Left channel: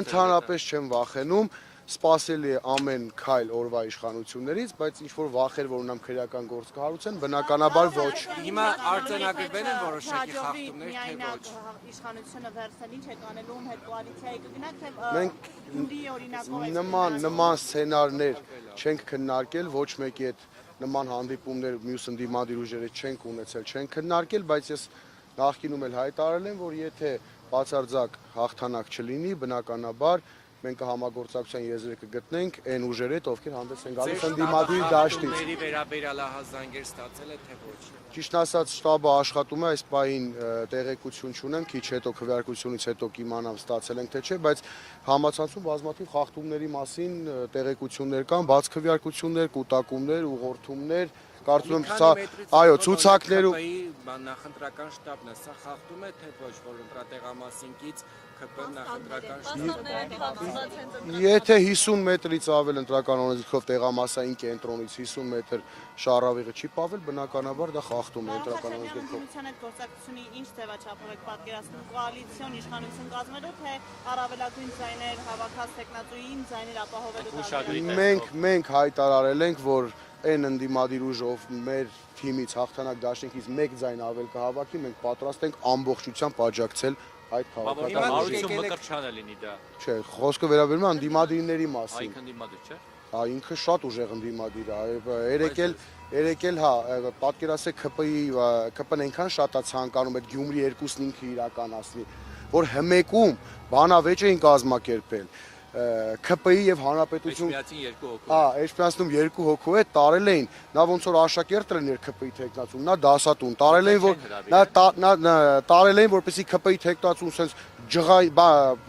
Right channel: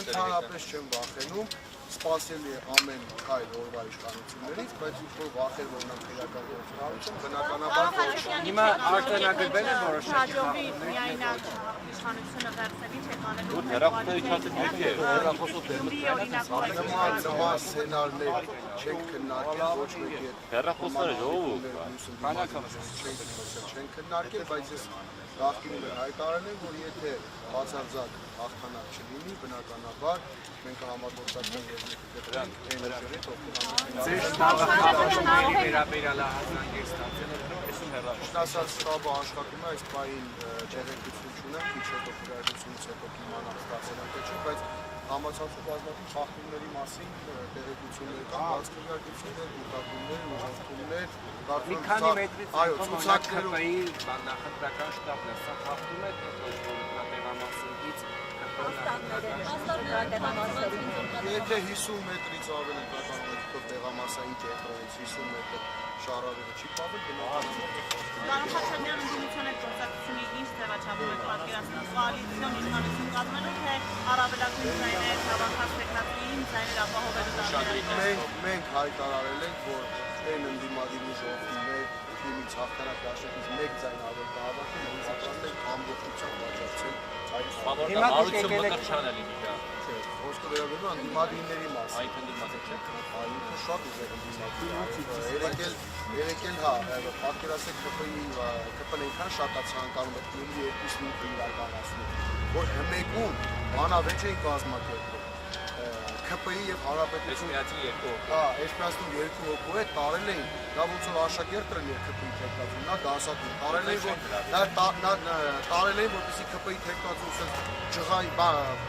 Ընդհանրապես չեմ վախենում, սպասելի է ամեն քայլ օրվա իշխանություններից, բայց ինչ-որ վախեր, որ նրանք քրեական գործ կհարուցեն, բնականաբար ոչ։ Հիմա արձանագրվել են որոշակի խախտումներ, թե ոչ։ Նման սցենարներ չենք քննարկել, ոչ մեկի հետ նման հանդիպումներ մյուս ընդդիմադիր ուժերի չենք ունեցել, չենք քննարկել, բայց ես նախկինում էլ հայտարարել եմ, որ եթե բացարձակ հաղթանակ չլինի, բնականաբար մենք կհամագործակցենք եւ կգտնենք այն ուժերի հետ, ովքեր հանդես են գալիս ընդդիմադիր դաշտից։ Ճիշտ ասած, շտաբը աշխատում է, այս պահին տեղեկություն չունեմ, քիչ հետո քվեարկությունից հետո կիմանամ ստացել եմ թե չէ, բայց համացանցում բազմաթիվ խախտումների մասին տեղեկություններ կան, բաց քվեարկություններ, կուտակումներ, ուղղորդումներ, կարծում եմ սա, այո, ցուցակներ ու նախընտրական շտաբն է, սա խախտում է թե ոչ տեղամասինքից Եթե 50 մետրից ավել ընտրական օրենքով տեղամասային կենտրոնից 50 մետր շարավիղը չի պավել, բնականաբար դա խախտում է։ Մենք հայտարարել ենք, որ այն ընդդիմադիր ուժով մեր թիմից հաղթանակ դաշնիկից մեկ ձայն ավել կհավաքի, մենք պատրաստ ենք ամբողջությամբ աջակցել այդ քաղաքը։ Չէ, խոսքը վերաբերում է ընդդիմադիրների մասին։ Ինքը շատ ուժեղ ընդդիմադիր է, երեկել հա, պատկերացրեք ԿՊ-ն այնքան շատ է ցանկանում այդ Գյումրի 2-ն ինքը իրականացնի, որ հմեկում բանավեճ էին կազմակերպել։ ԿՊ-ի եւ հանրապետություն Էսպիացնում երկու հոգու հետ տարել էին, նա ոնց որ աշակերտ լիներ ԿՊ-ի թեկնածուն, նա դասատուն, տարել էին որպեսզի ԿՊ-ի թեկնածուն sense ջղային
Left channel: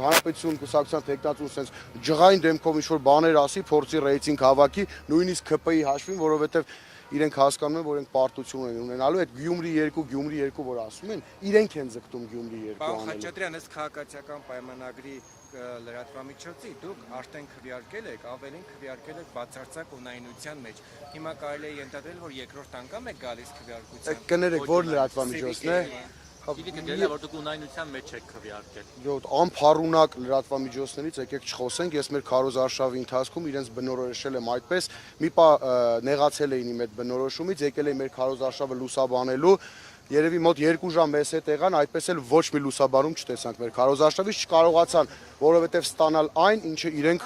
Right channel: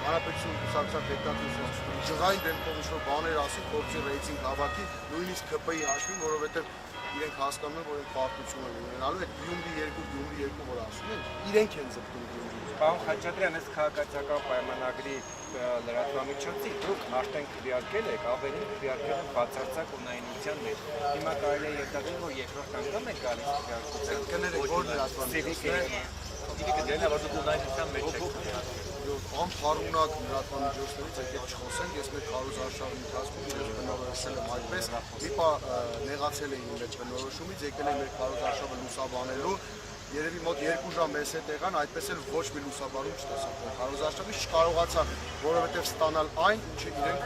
հանրապետություն կուսակցության թեկնածուն sense ջղային դեմքով ինչ-որ բաներ ասի, փորձի ռեյտինգ հավաքի, նույնիսկ ԿՊ-ի հաշվին, որովհետեւ իրենք հասկանում են, որ իրենք պարտություն են ունենալու, այդ Գյումրի 2, որ ասում են, իրենք են ձգտում Գյումրի 2։ Պարոն Խաչատրյան, այս քաղաքացիական պայմանագրի լրատվամիջոցի դուք արդեն քվեարկել եք, ավելին քվեարկել եք բացարձակ ունայնության մեջ։ Հիմա կարելի է ենթադրել, որ երկրորդ անգամ եք գալիս քվեարկության։ Կներեք, որ լրատվամիջոցն է։ Անփառունակ լրատվամիջոցներից եկեք չխոսենք, ես մեր քարոզարշավի ընթացքում իրենց բնորոշել եմ այդպես, մի պա նեղացել էին իմ այդ բնորոշումից, եկել էին մեր քարոզարշավը լուսաբանելու, երևի մոտ 2 ժամ մեզ հետ եղան, այդպես էլ ոչ մի լուսաբանում չտեսանք մեր քարոզարշավից, չկարողացան, որովհետև ստանալ այն, ինչը իրենք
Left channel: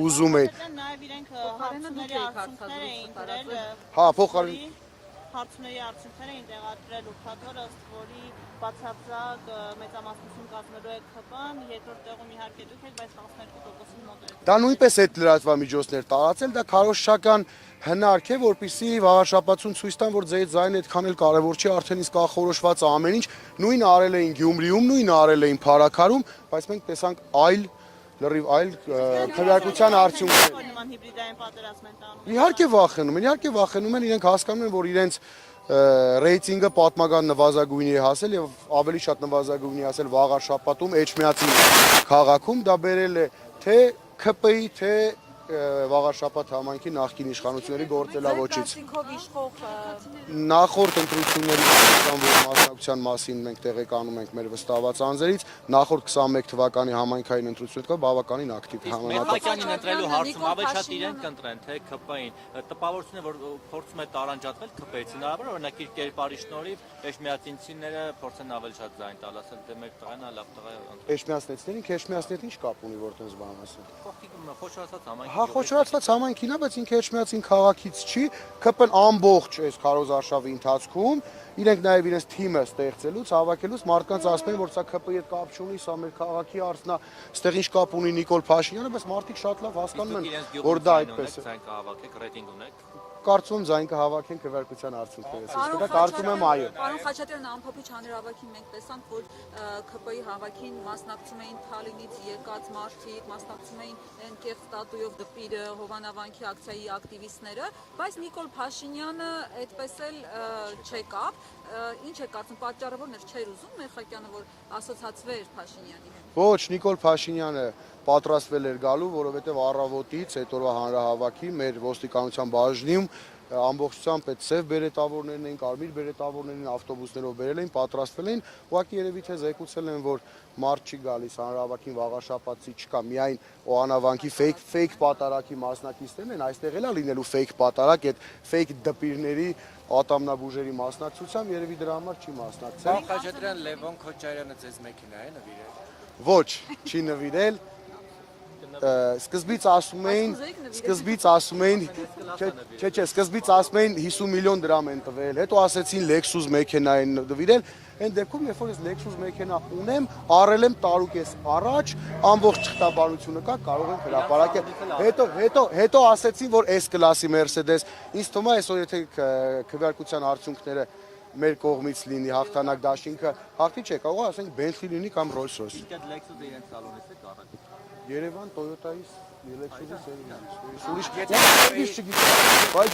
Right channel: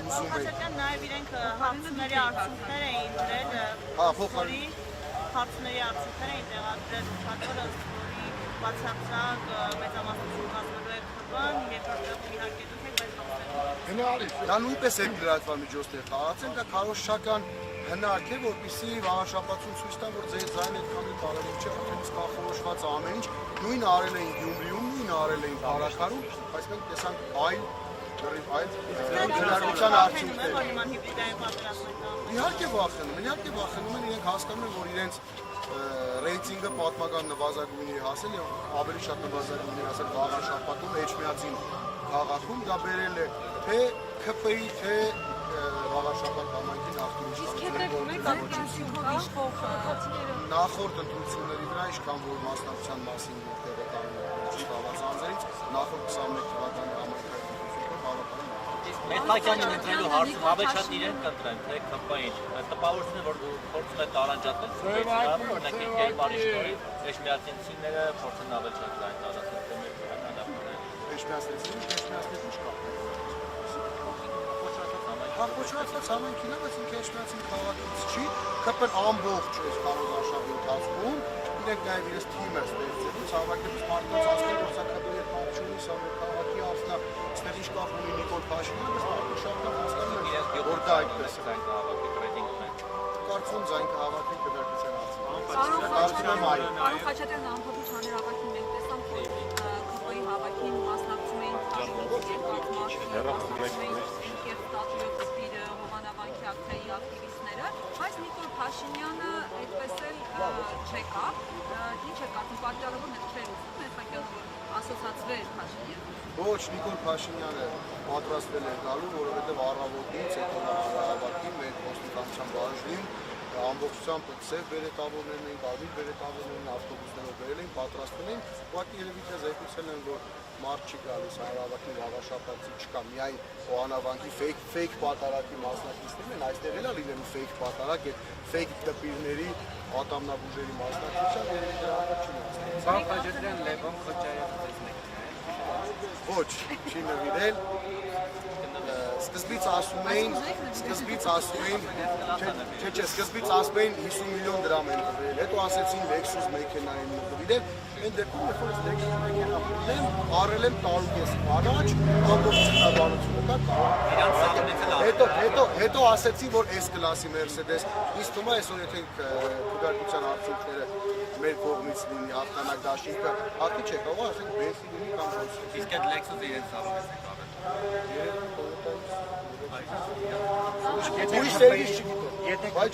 ուզում էին։ Հա, փոխարինի հարցների արդյունքներ էին տեղադրել ուշադրը, որի բացարձակ մեծամասնություն կազմելու է ԿՊ-ն, երկրորդ տեղում իհարկե դուք եք, բայց դա նույնպես այդ լրատվամիջոցներ տարածեն, դա քարոզչական հնարք է, որպեսզի վաղաշաբաթում ցույց տան, որ ձեր ձայնը այդքան էլ կարևոր չի, արդեն իսկ ախորոշված է ամեն ինչ, նույնը արել էին Գյումրիում, նույնը արել էին Փարաքարում, բայց մենք տեսանք լրիվ այլ քվեարկության արդյունքներ։ Իհարկե վախենում են, իրենք հասկանում են, որ իրենց ռեյտինգը պատմական նվազագույնի է հասել եւ ավելի շատ նվազագույնի հասել վաղաշաբաթում Էջմիածի քաղաքում, դա բերել է թե ԿՊ-ի, թե վաղաշաբաթ համայնքի նախկին իշխանությունների գործելավոճից։ Նախորդ ընտրությունների մասնակցության մասին մենք տեղեկանում ենք մեր վստահված անձերից, նախորդ 21 թվականի համայնքային ընտրությունները բավականին ակտիվ Մեխանիկային ընտրելու հարցում ավելի շատ իրենք կընտրեն, թե ԿՊ-ին։ Տպավորությունն է, որ փորձում է տարանջատվել ԿՊ-ից, հնարավոր որ մեկ կերպարի շնորհիվ էջմիածինցիները փորձեն ավելի շատ լայն տալ, ասենք թե մեր տոնը լավ է։ Էջմիածնից ինչ կապ ունի որպես բան ասի։ Հա, խոշորացված համայնքին է, բայց ինքը Էջմիածին քաղաքից չի, ԿՊ-ն ամբողջ այս քարոզարշավի ընթացքում իրենք նաև իրենց թիմը ստեղծելուց, հավաքելուց մարդկանց ասում են, որ սա ԿՊ-ի հետ կապ չունի, սա մեր քաղաքի հարցն է, այստեղ ինչ կապ ունի Նիկոլ Փաշինյանը, բայց մարդիկ շատ լավ հասկանում են, որ դա այդպես է։ Կարծում ձայն կհավաքեն քվեարկության արդյունքները։ Կարծում եմ այո։ Պարոն Խաչատրյան, ամբողջ հանրահավաքին մենք տեսանք, որ ԿՊ-ի հավաքին մասնակցում էին Թալինից եկած մարդիկ, մասնակցում էին Կերտատույով դպիրը, Հովանավանքի ակցիայի ակտիվիստները, բայց Նիկոլ Փաշինյանը այդպես էլ չեկավ։ Ինչ է կարծում, պատճառը ո՞րն է, չէր ուզում Մեխակյանը, որ ասոցացվեր Փաշինյանը։ Ոչ, Նիկոլ Փաշինյանը պատրաստվել էր գալու, որովհետև առավոտից հետո հանրահավաքի մեր ոստիկանության բաժնում ամբողջությամբ այդ սև բերետավորներն էին, կարմիր բերետավորներն ավտոբուսներով բերել էին, պատրաստվել էին, ուղղակի երևի թե զեկուցել են, որ մարդ չի գալիս հանրահավաքին վաղաշաբաթի չկա, միայն Օհանավանքի fake պատարակի մասնակիցներն են, այստեղ էլ է լինելու fake պատարակ, այդ fake դպիրների ատամնաբուժերի մասնակցությամբ երևի դրա համար չի մասնակցել։ Վաղ Խաչատրյան Լևոն Քոչարյանը ձեզ մեքենա է նվիրել։ Ոչ, չի նվիրել։ Սկզբից ասում էին, սկզբից ասում էին 50 միլիոն դրամ են տվել, հետո ասեցին Lexus մեքենա են նվիրել, այն դեպքում երբ որ ես Lexus մեքենա ունեմ, առել եմ տարուկես առաջ, ամբողջ թղթականությունը կա, կարող եմ հրապարակել։ Հետո ասեցին, որ S-կլասի Mercedes, ինձ թվում է այսօր եթե քվեարկության արդյունքները մեր կողմից լինի հաղթանակ դաշինքը, հաղթի չէ, կարող է ասենք Bentley լինի կամ Rolls-Royce։ Իսկ այդ Lexus-ը իրենց ցավով է Երևի Toyota-ից Բայց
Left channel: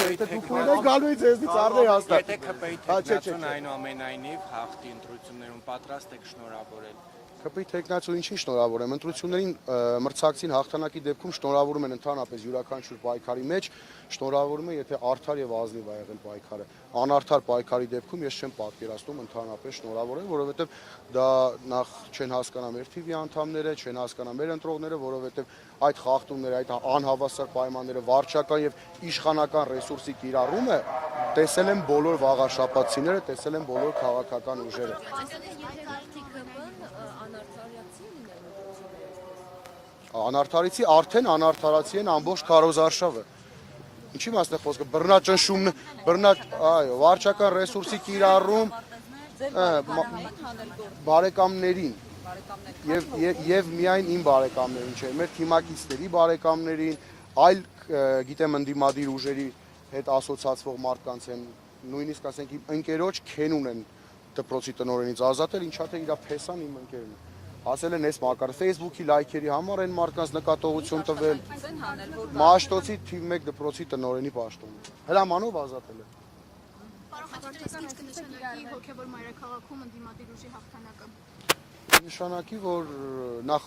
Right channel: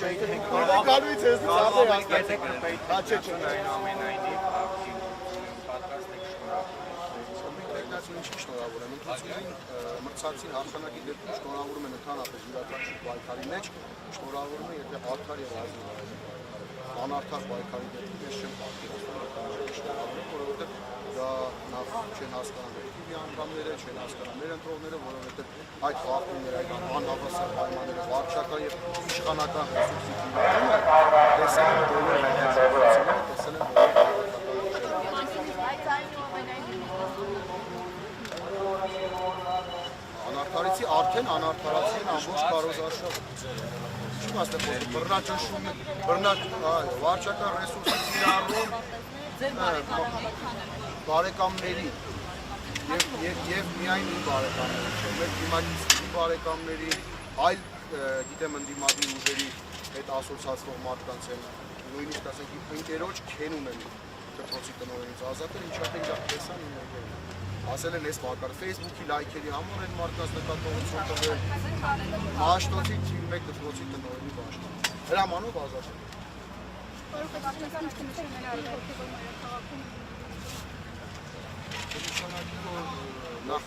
եթե դուք ունեք գանույց եզնից առներ հաստատ։ Եթե քպեիթ այնուամենայնիվ հաղթի ընտրություններում պատրաստ եք շնորհավորել։ Քպեիթ տեխնացու ինչի շնորհավորեմ, ընտրություններին մրցակցին հաղթանակի դեպքում շնորհավորում են ընդհանրապես յուրաքանչյուր պայքարի մեջ, շնորհավորում են եթե արդար եւ ազնիվ ա եղել պայքարը։ Անարդար պայքարի դեպքում ես չեմ պատկերացնում ընդհանրապես շնորհավորեմ, որովհետեւ դա նախ չեն հասկանա մեր թիվի անդամները, չեն հասկանա մեր ընտրողները, որովհետեւ այդ խախտումները, այդ անհավասար պայմանները, վարչական եւ իշխանական ռեսուրսի կիրառումը տեսել են բոլոր վաղաշաբաթցիները, տեսել են բոլոր քաղաքական ուժերը։ Անարդարիցի արդեն անարդարացի են ամբողջ կարոզարշավը։ Ինչի մասն է խոսքը, բռնաճնշումն, վարչական ռեսուրսի կիրառում բարեկամներին եւ միայն իմ բարեկամներին չէ, մեր թիմակիցների բարեկամներին, այլ գիտեմ ընդդիմադիր ուժերի հետ ասոցիացվող մարդկանց են, նույնիսկ ասենք ընկերոջ քեն ունեն դպրոցի տնօրենից ազատել, ինչա թե իր փեսան իմ ընկերն ասել են այս մակար Facebook-ի լայքերի համար են մարդկանց նկատողություն տվել, Մաշտոցի թիվ 1 դպրոցի տնօրենի պաշտոն։ Հրամանով ազատել են։ Նշանակի, որ նախ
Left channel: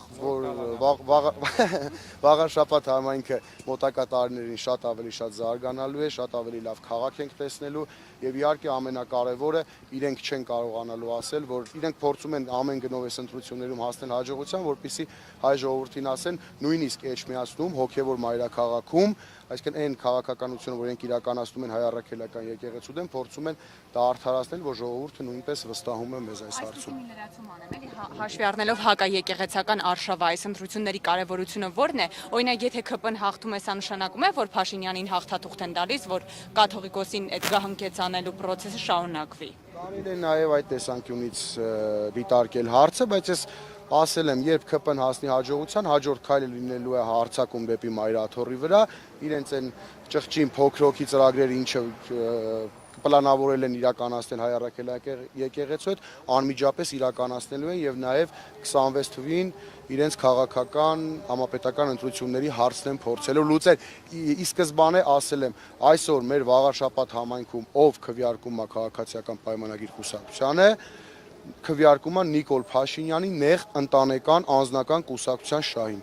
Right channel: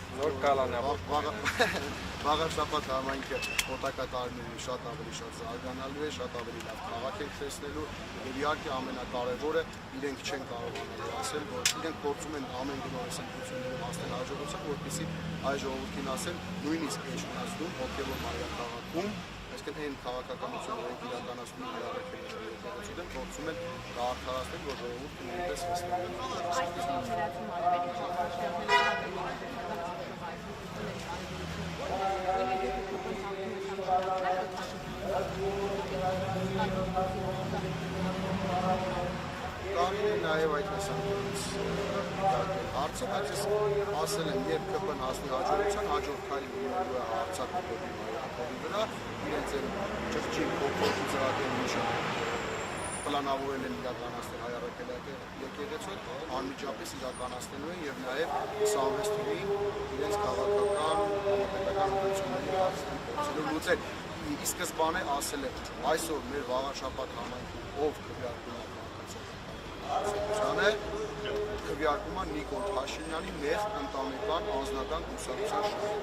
վաղաշաբաթ համայնքը մոտակա տարիներին շատ ավելի զարգանալու է, շատ ավելի լավ քաղաք ենք տեսնելու եւ իհարկե ամենակարևորը իրենք չեն կարողանալու ասել, որ իրենք փորձում են ամեն գնով այս ընտրություններում հասնել հաջողության, որպեսզի հայ ժողովրդին ասեն նույնիսկ Էջմիածնում, հոգեվոր մայրաքաղաքում, այսինքն այն քաղաքականությունը, որ իրենք իրականացնում են հայ առաքելական եկեղեցու դեմ, փորձում են դա արդարացնել, որ ժողովուրդը նույնպես վստահում է մեզ այս հարցում։ Հաշվի առնելով հակաեկեղեցական արշավը այս ընտրությունների կարևորությունը ո՞րն է։ Օրինակ, եթե ԿՊ-ն հաղթում է, սա նշանակում է, որ Փաշինյանին հաղթաթուղթ են տալիս, որ կաթողիկոսին այդ գահընկեցանելու process-ը շարունակվի։ Կարելի է նաև այդ տեսանկյունից դիտարկել հարցը, բայց ես ասել եմ, երբ ԿՊ-ն հասնի հաջողության, հաջորդ քայլը լինելու է հարձակում դեպի Մայրաթոռի վրա, իրենց այն ճղճին փոքրոքի ծրագրերը, ինչը պլանավորել են իրականացնել հայ առաքելական եկեղեցուց, անմիջապես իրականացնելու են եւ նաեւ 26 թվին իրենց քաղաքական համապետական ընտրությունների հարցն են փորձելու լուծել։ Ի սկզբանե ասել եմ, այսօր մեր վաղաշաբաթ համայնքում ով քվեարկում է քաղաքացիական պայմանագիր կուսակցությանը, քվեարկում է Նիկոլ Փաշինյանի նեղ ընտանեկան անձնական կուսակցության շահին։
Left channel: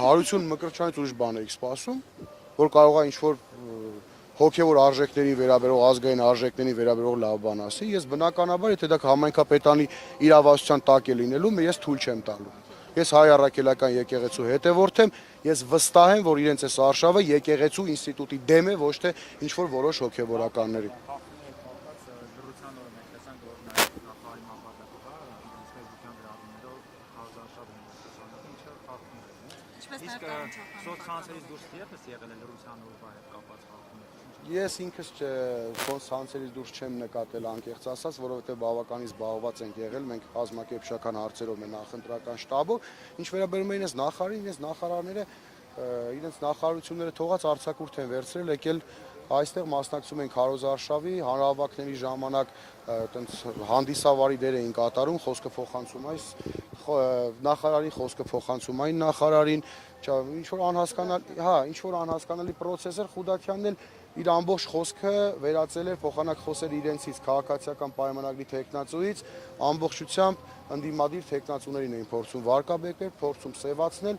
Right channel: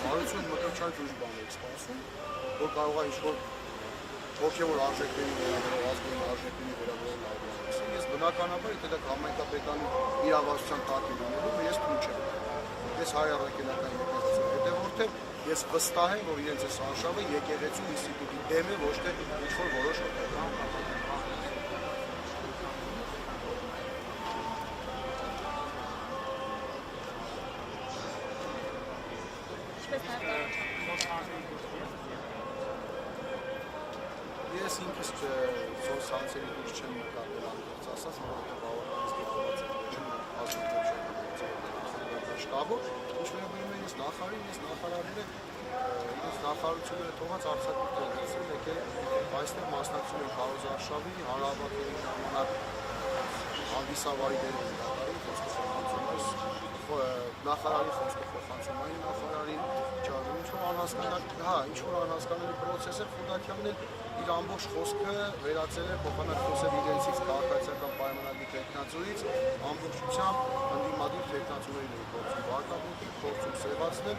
Հարություն Մկրտչյանից ուրիշ բան եք սպասում, որ կարող է ինչ-որ հոգևոր արժեքների վերաբերող, ազգային արժեքների վերաբերող լավ բան ասի, ես բնականաբար, եթե դա համայնքապետանի իրավասության տակ է լինելու, ես թույլ չեմ տալու։ Ես հայ առաքելական եկեղեցու հետևորդ եմ, ես վստահ եմ, որ իրենց այս արշավը եկեղեցու ինստիտուտի դեմ է, ոչ թե ինչ-որ որոշ հոգևորականների։ Ես ինքս սանցերից դուրս չեմ նկատել անկեղծ ասած, որովհետև բավականին զբաղված ենք եղել, մենք ազգակերպչական հարցերով ենք նախընտրական շտաբով, ինչ վերաբերում է իրենց նախարարին, իրենց նախարարները իրենց նախարարությունները թողած արձակուրդ են վերցրել, եկել այստեղ մասնակցում են քարոզարշավի, հանրահավաքների ժամանակ հանդիսավարի դեր էին կատարում, խոսքը փոխանցում այս նախարարի խոսքը փոխանցում այն նախարարին, ինչ որ անհասկանալի process էր, Խուդակյանն էլ իր ամբողջ խոսքը վերածել է փոխանակ խոսել իրենցից քաղաքացիական պայմանագրի թեկնածուից, ամբողջությամբ ընդդիմադիր թեկնածուներին էին փորձում վարկաբեկել, փորձում սևացնել,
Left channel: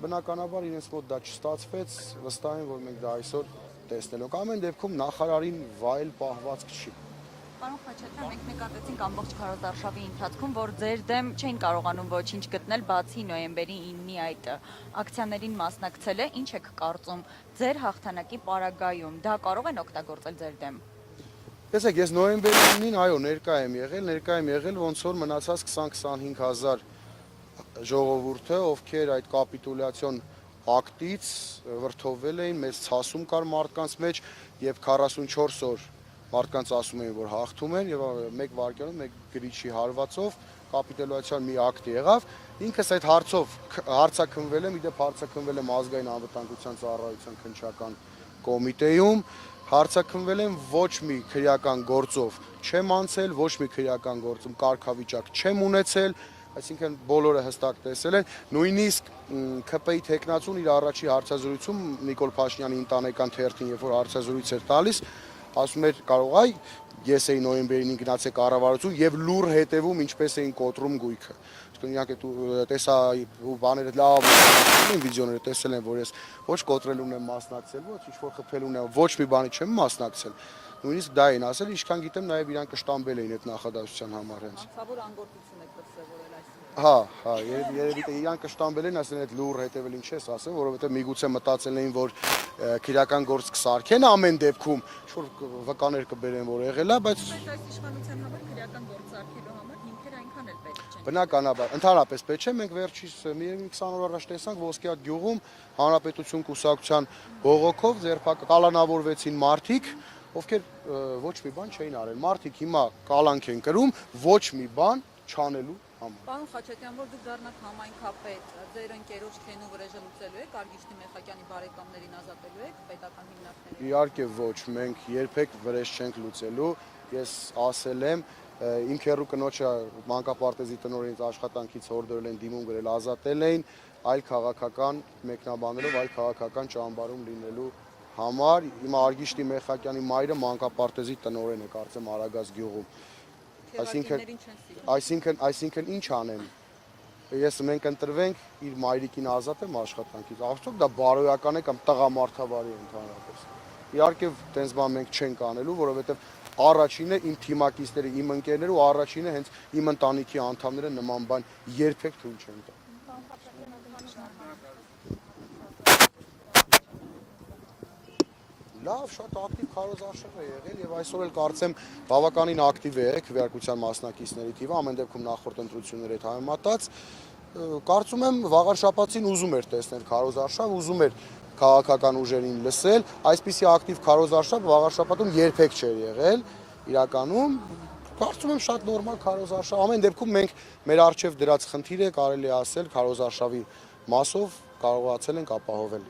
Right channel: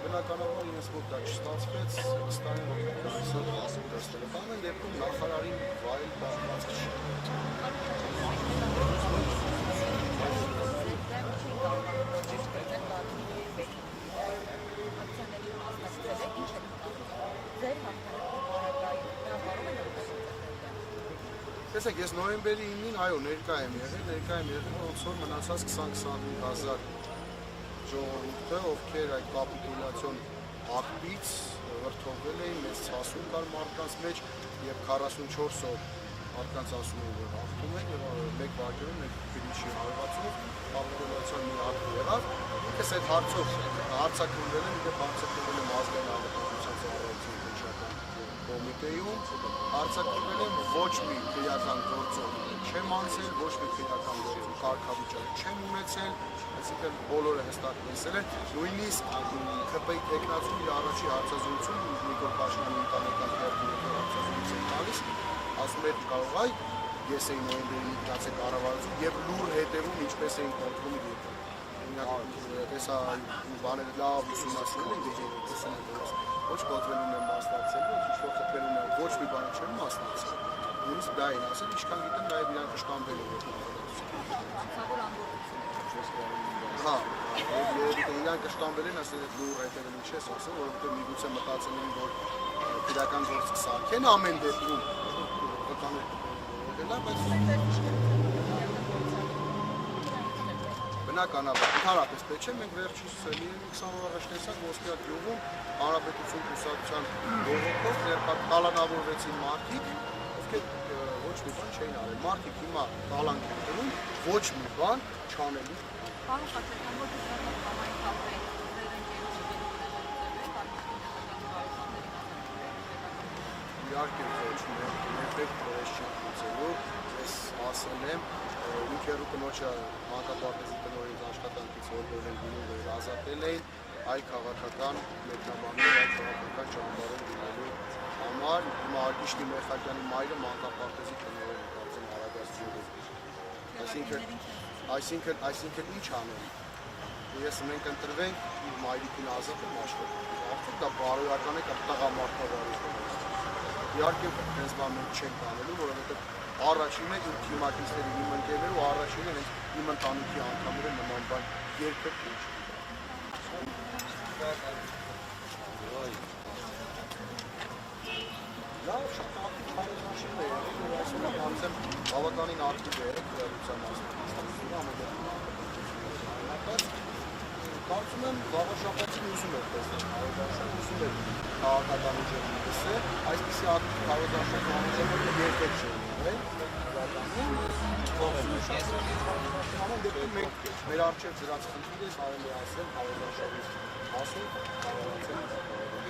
բնականաբար իրենց մոտ դա չստացվեց, վստահ եմ, որ մենք այսօր տեսնենք։ Ամեն դեպքում նախարարին վայել պահվածք չի։ Ամբողջ քարոզարշավի ընթացքում, որ ձեր դեմ չեն կարողանում ոչինչ գտնել, բացի նոյեմբերի 9-ի այդը։ Ակցիաներին մասնակցել է, ինչ եք կարծում, ձեր հաղթանակի պարագայում, դա կարող են օգտագործել ձեր դեմ։ Տեսեք, ես նոյեմբերի 9-ին, այո, ներկա եմ եղել, ոնց որ մնացած 20-25 հազար ժողովուրդը, ովքեր այդ կապիտուլյացիոն ակտից վրդովվել էին, մեծ ցասում կար մարդկանց մեջ եւ 44 օր մարդկանց ասում էին, որ հաղթում են եւ մեկ վայրկյանում մեկ գրիչի հարվածով կապիտուլյացիան մի ակտ եղավ։ Ինքս այդ հարցով հարցաքննվել եմ, իդեպ հարցաքննվել եմ ազգային անվտանգության ծառայության քննչական կոմիտեում, հարցաքննվել եմ ոչ մի քրեական գործով չեմ անցել, ոչ մի քրեական գործում կարգավիճակ չեմ ունեցել, այսինքն բոլորը հստակ տեսել են, նույնիսկ ՔՊ-ի տեխնացուն իր առաջի հարցազրույցում Նիկոլ Փաշինյանի ընտանեկան թերթին, երբ որ հարցազրույց էր տալիս, ասում էր կարող այ ես էի նոյեմբերին գնացել կառավարություն եւ լուր հետևում ինչպես էին կոտրում գույքը։ Իրանք տեսա ու բաները լավ են վիդեոները տեսել են, որ ես ոչ կոտրելուն եմ մասնակցել, ոչ ինչ-որ խփելուն եմ, ոչ մի բանի չեմ մասնակցել։ Նույնիսկ դա էին ասել, ինչքան գիտեմ նաև իրանք կշտամբել էին այդ նախադասության համաձայն։ Հա, երևի թե իրանք կշտամբել են, ասեն այդ լուր հետևելուն չես ասել, որովհետև միգուցե մտածել էին, որ քրեական գործ կսարքեն ամեն դեպքում, վկաներ կբերեն, որ եղել է, բայց բնականաբար, ընդհանրապես պետք չէ, մենք վերջից մի 20 օր առաջ տեսանք Ոսկեհատ գյուղում Հանրապետություն կուսակցության բողոքով կալանավորվեցին մարդիկ, ովքեր ոչ մի բան չէին արել։ Մարդիկ հիմա կալանք են կրում ոչ մի բան չանելու համար։ Պարոն Խաչատյան, որ դուք դարձավ համայն քարտեին, ձեր ընկերությունների վրա լուծելու եք, Արմիշտի Մեխակյանի բարեկամներին ազատելու եք պետական բնակչություն։ Իհարկե ոչ, մենք երբեք վրեժ չենք լուծելու։ Ես ասել եմ, իմ քեռու կնոջը մանկապարտեզի տնօրենից աշխատանքից հորդորել են դիմում գրել, ազատել էին այլ քաղաքական մեկնաբաններով, այլ քաղաքական ճամբարում լինելու համար։ Հիմա Արգիշտի Մեխակյանի մայրը մանկապարտեզի տնօրեն է, կարծեմ Արագած գյուղում։ Այսինքն ինչ անեն։ Մենք ընտրվենք իր մայրիկին ազատել աշխատանքից։ Արդյոք դա բարոյական է կամ տղամարդավարի է։ Իհարկե, տենց բան մենք չենք անելու, որովհետև առաջինը իմ թիմակիցները, իմ ընկերները ու առաջինը հենց իմ ընտանիքի անդամները նման բան երբեք չեն չեն։ Լավ, շատ ակտիվ քարոզարշավ է եղել եւ այսօր էլ կարծեմ բավականին ակտիվ է քվեարկության մասնակիցների թիվը, ամեն դեպքում նախորդ ընտրություններով համեմատած։ Կարծում եմ վաղար շաբաթին ուզում էր տեսնել քարոզարշավ, ուզում էր քաղաքական ուժերին լսել, այսպիսի ակտիվ քարոզարշավ վաղար շաբաթում երբեք չէր եղել իրականում։ Կարծում եմ շատ նորմալ քարոզարշավ, ամեն դեպքում մենք մեր առջև դրած խնդիրը կարելի է ասել քարոզարշավի մասով կարողացել ենք ապահովել։